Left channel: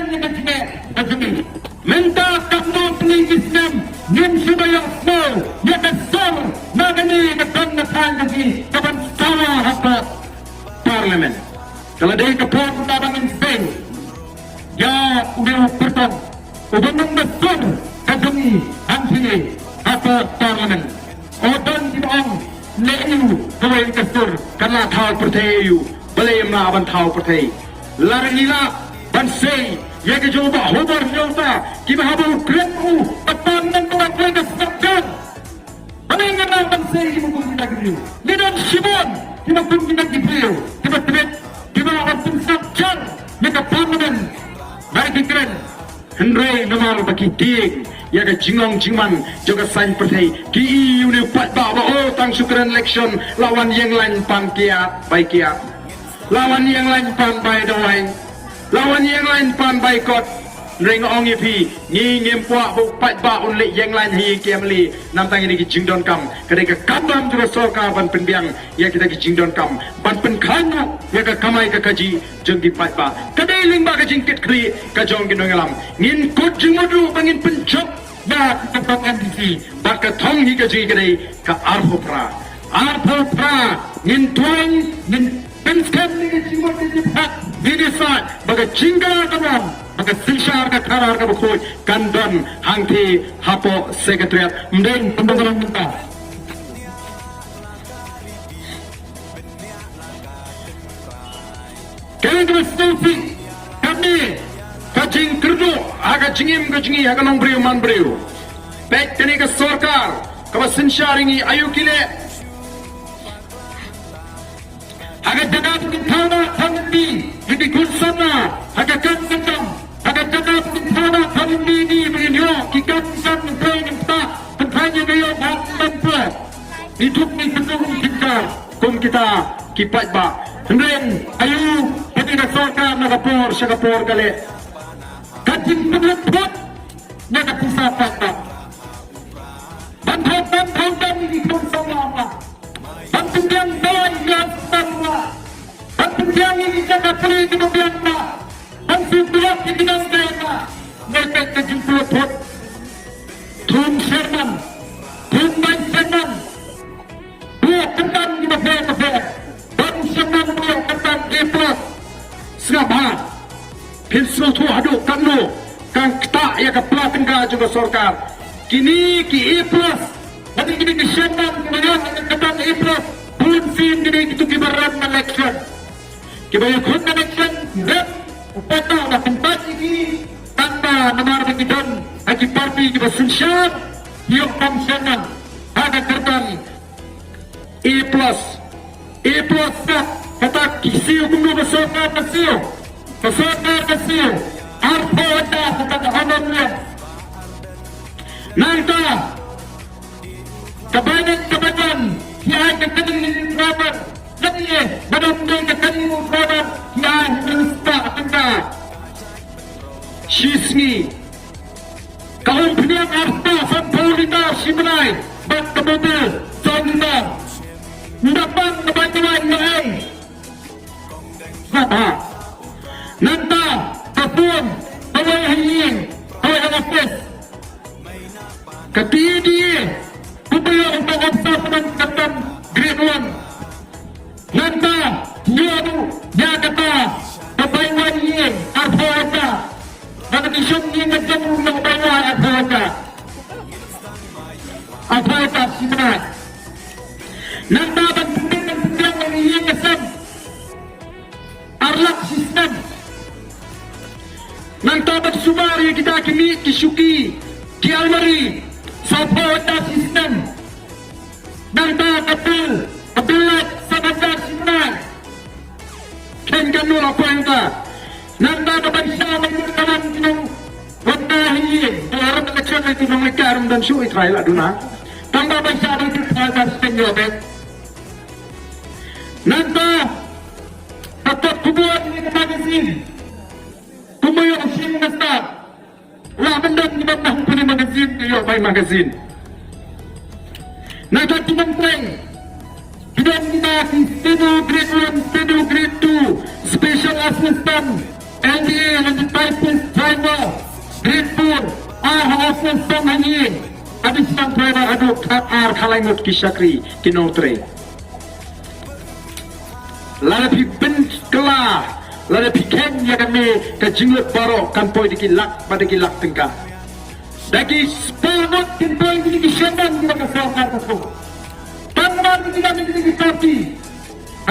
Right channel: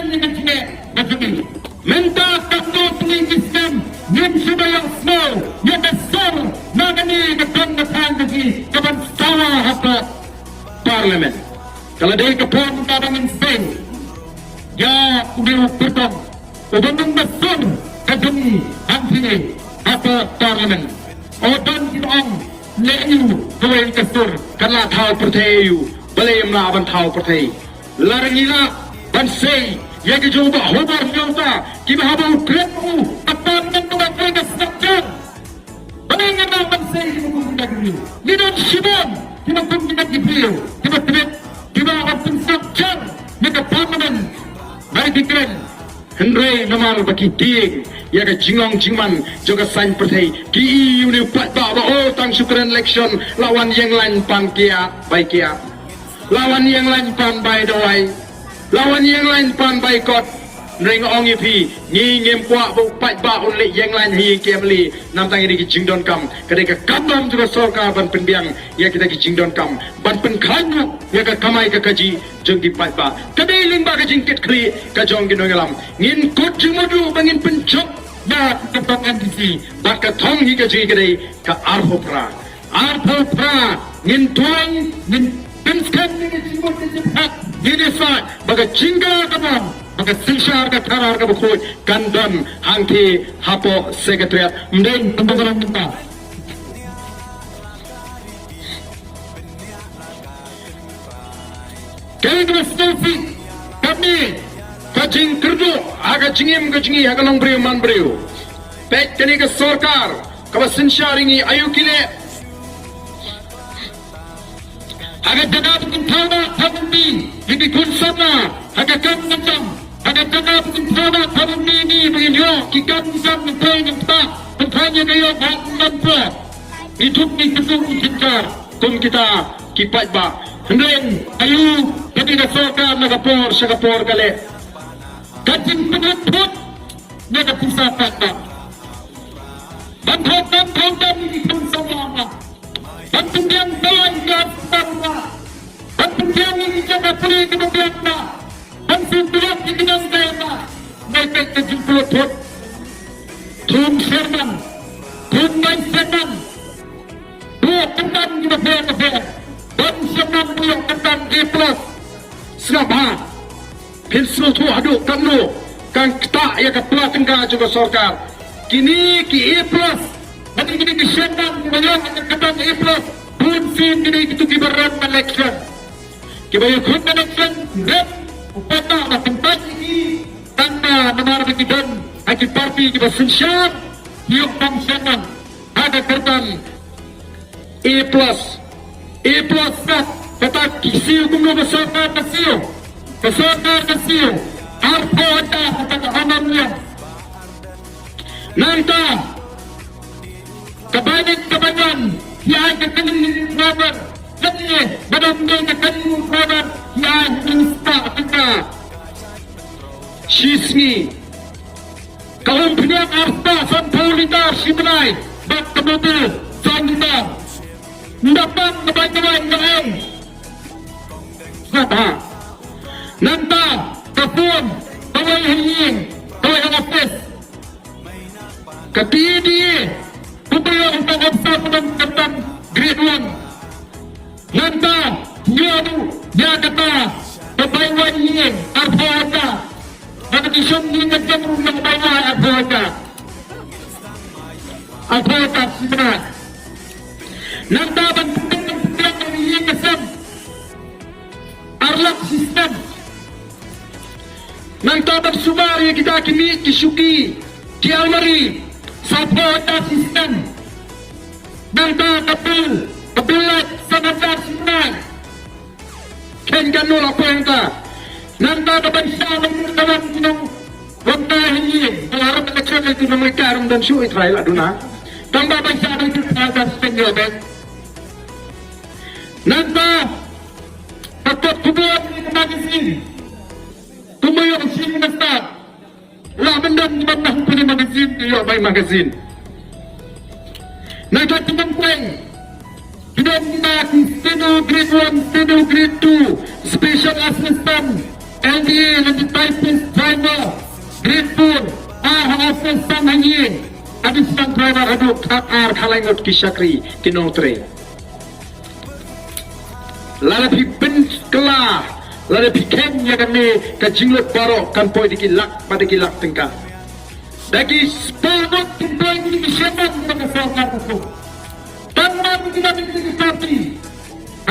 Kemudian dengan sini begini, minta kapal Islam yang sudah small, yang besar, mengenai kebenaran lagi kepada semua hak parlimen. Kalau dia kapal tabangan Spain, ya udah bertang, udah besar kejuni anti hak parlimen. Orang tidak leyu boleh kesur karena tahu percaya boleh menabang tahu percaya. Larina bansai yang dicoba hubah yaudah kita habis kelamu tepat dan buat mereka sekarang. Boleh menabang bansai kita mungkin lagi. Ni dah sibuan kita mungkin lagi beliau. Kita akan pensiapkan mereka parlimen lagi keren. Hendrai nama bagi ting yang jingong juga sain persai ki ini pat bawa tang syukuran election lawan yang lain pan kia baik kia lawan yang lain pan baik dawai lawan yang lain pan baik kot reng ong ipi ni ngem puak bu pat ba un le yang lain hi kem li nam tang ini jingdon kam kedai kadam juga soka ban pendiang ya kita jingdon kam ban penkhanu ya ka kamai ka kaji jeng di pat ba kedai ling ba ka jingkit kri ka jong gi nongalam ngin kot jimodu bangin pencok na ketong MDC baka thong hi ka ji kedai ka arphopra ngin tuan ngin penskam ni jimodu ni pat ni desat baka jingga kamon baka sisar ka karar ka bukoi kandam hangti hapo sekretariat mdeng pembangunan kita. Kami konstitusi kami kacing kerja agak cingim kacing agak nong beriu man beriu. Pek kini ke sorkar kalau sensyaringi ayu kile agak jaga pun tahu pandi jadi kunsama agak kandam agak jaga pun tahu pandi ni beliau kita bisa mengenai pertanyaan dia bahkan hidup ni betul kita kita kipat ba kemudian ayu pati na sorkar sa kapor kali kacing penutut nagapusapan na bantang ni itong sama bantang doon na bantang ni kakapri kemudian na bantang ni kinanggayan na nagkakajing penutut Tun Sherman buah kentang di kafe dan senang buah kentang A+, siapa semua tu aduk kamu kang tak ya ke pelatin kena juga sorkar kini ki A+, nanti kini ki Sherman kena kentang A+, pun sim kini kita dibarang election kibaya pun election dan upata dah tempat ini tanpa nomor begitu hati parti kita sensyar yang kam Sherman ada kentang A+, dah kata kisi hukum bersorkar kesiu arpa ada kata honamnya nanti kebanyakan yang kekening di travel jadi benar-benar kekening travel yang lupa kita sismi kaum pilihan arpa dan politik simulai dan kemudian jangan dapat kebanyakan lain apa nanti kapun kawai hingin kawai ngapis ketidi upaya untuk ngapsa pedang kentang grade 1 nanti dia kata kebanyakan hingin apa aja dan disini mengajar undang bayar apa aja sebenarnya nanti akan penting mengingatkan arlak sistem nanti bersumar yang kita kini kisuki kiamari support sistem nanti kebelat sabandar sistem kenganul apa yang tak nanti kebansa menurutkan dengan wanda ini dalam kecil itu mereka dan sulit raya duna tambah bangsa itu terhadap penjelasan nanti atau kubuat di magazin kumayang sini nasta lah mendan punya magazin dia by magazin nanti teman-teman tidak minat studio grade 1 studio grade 2 special assistant LDA and the typist Kapang hangin. Kami sedang berada aduk KR Kalangot Kisakri Kinotre. Lalu bin kelah, lalu ken yang kami kejilut barok kan poi dikilak pada kilak tengkap. Dagi sepangat kan poi dikisyakan kita kesokar tersebut. Tangan kita menjadi parti.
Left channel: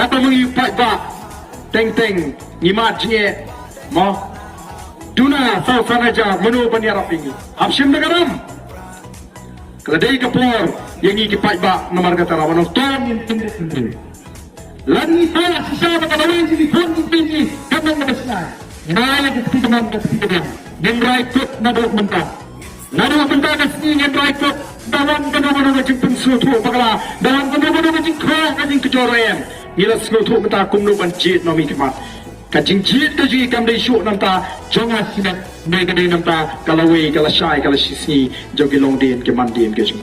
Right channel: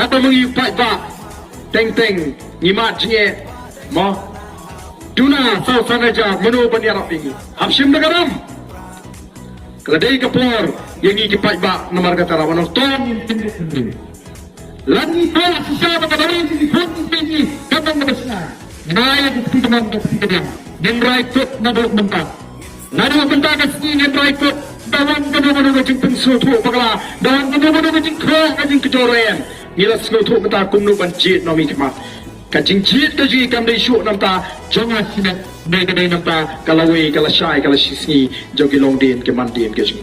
Atau mengipak bak, teng-teng, nyimak cie, mau. Duna sau fanaja menu banyarap ini. Absim negaram. Keledai kapur yang ikipak bak nomor kata rawan ton yang sendiri. Lagi sekolah sesama kembali di pondok tinggi kadang besar. Naya kesekian kesekian. Nengrai ikut nabuk mentah. Lalu mentah kesini nengrai ikut dalam kedua-dua macam pensutu pagala. Dalam kedua-dua macam kerang macam kejoran. Nila selutu mentah kumnu bancit nomi kemah. Kacing cit kaji kandai syuk namta jongas sinat negara namta kalawai kalasai kalasisi jogi longdin kemandin kesu.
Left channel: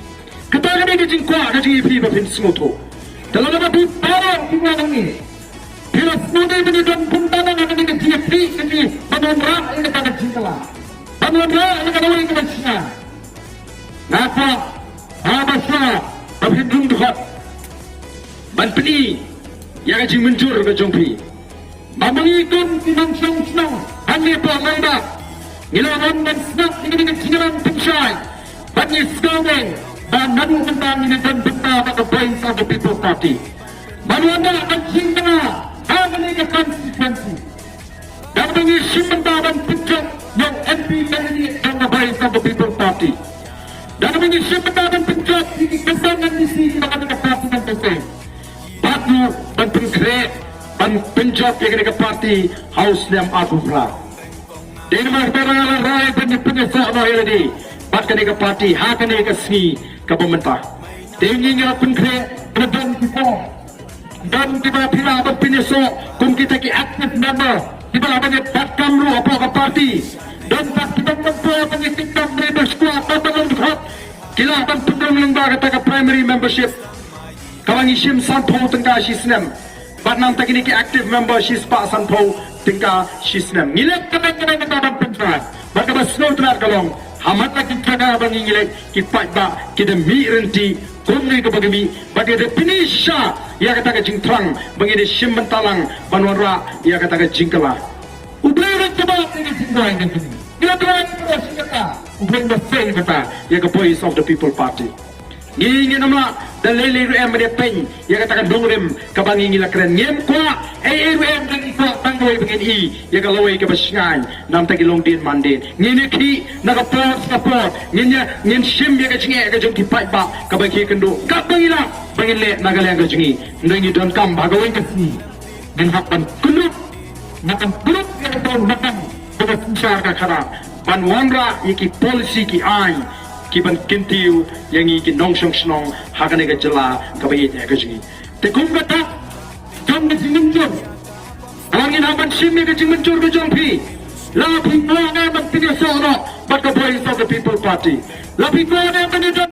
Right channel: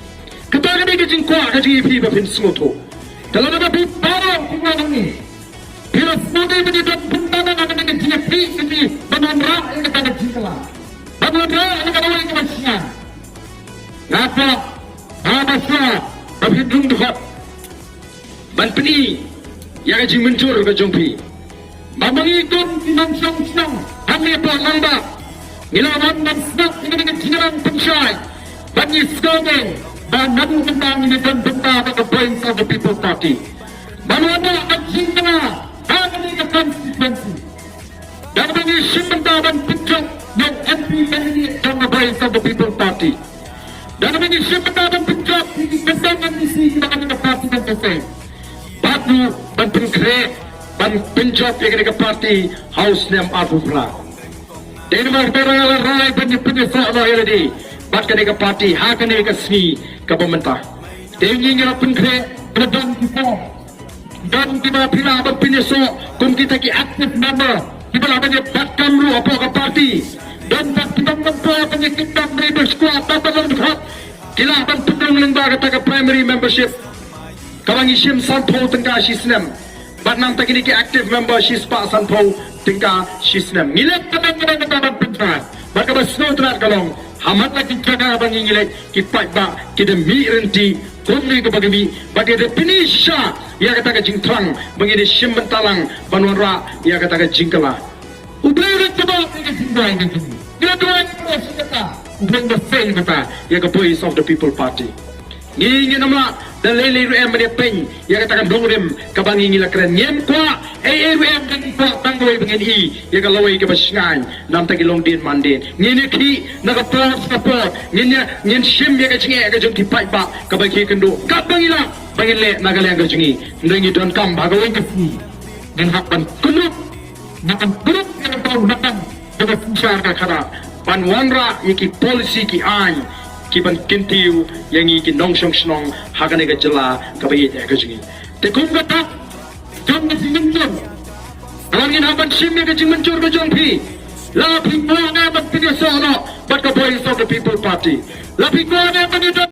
Ketara ni kacing kuat kaji ipi bapin selutu. Dalam ada bintang di mana ni? Bila semua ini dan puntanan akan dengan siapri ini menumrah ini akan cintalah. Menumrah ini akan awal kemasnya. Maka ada semua berhubung dengan berpeni yang akan muncul ke jumpi. Memberikan sinang-sinang hanya pelanda. Ilawan dan semak ini dengan sinang pengsai. Bagi sekali. Dan manu tentang ini dan tentang the place of the People Party. Manu akan singgah akan ini konstituensi. Dan ini simpan dan pijak yang MP ini dan the place of the People Party. Dan ini simpan dan pijak ini kesangan isi kita akan parti dan pesek. Batu dan pengkret dan pijak yang ke parti House Liam Abufra. Dan mereka rai dan penyesal ini. Bahkan ke parti akan ini kesmi ke pemerintah. Tingginya pengkret dan reform. Dan kita bila berpindah kum kita ki aktif member kita akan bahkan lu apa ke parti dan pasti membantu penyekatan dari bersekuat atau berhak kita akan penuh lembaga ke primary membership kalau isim sampul tinggal sistem Batnam teknik ki aktif member sispa sampul tinggal sistem milik kebenaran dan pencerahan bagi bersekuat telah galong amat lagi jaga bagi nilai kita ba kita mirenti kumri ko bagi bagi definisya ia kata jingkrang bagi de simbentalang banura ia kata jingkala ubeng coba ke singgoy ke sini dia doan terus kata ubeng the faith kata ia ke voice of the people party ini nama dan LLM dia pen ia kata dongrim ke bagi ngila keren nyem kwa LLM dan ko tanggoi bagi ia ke lawai ke basngan nam tagi longdin mandin ngini ki na kapos nginya ngin sim ia ke jinge ke jumti pai ba ke bagi kendo ka bangila bangile nagale ke jingi ndangi don kam bagawen ke sini dan hakban kumuk nakan buruk ke tau nakang ke pusar ke cara pan wanra iki polisi ki ai kiban kintiu yang iki nongsong snong hagane ke jela ke bagi ke jingi te kum kata jom ke siminjun angin haban sim ke jing mencur ke jompi la pingwa na ban pinyo sono but the voice of the people party la pingwa na ban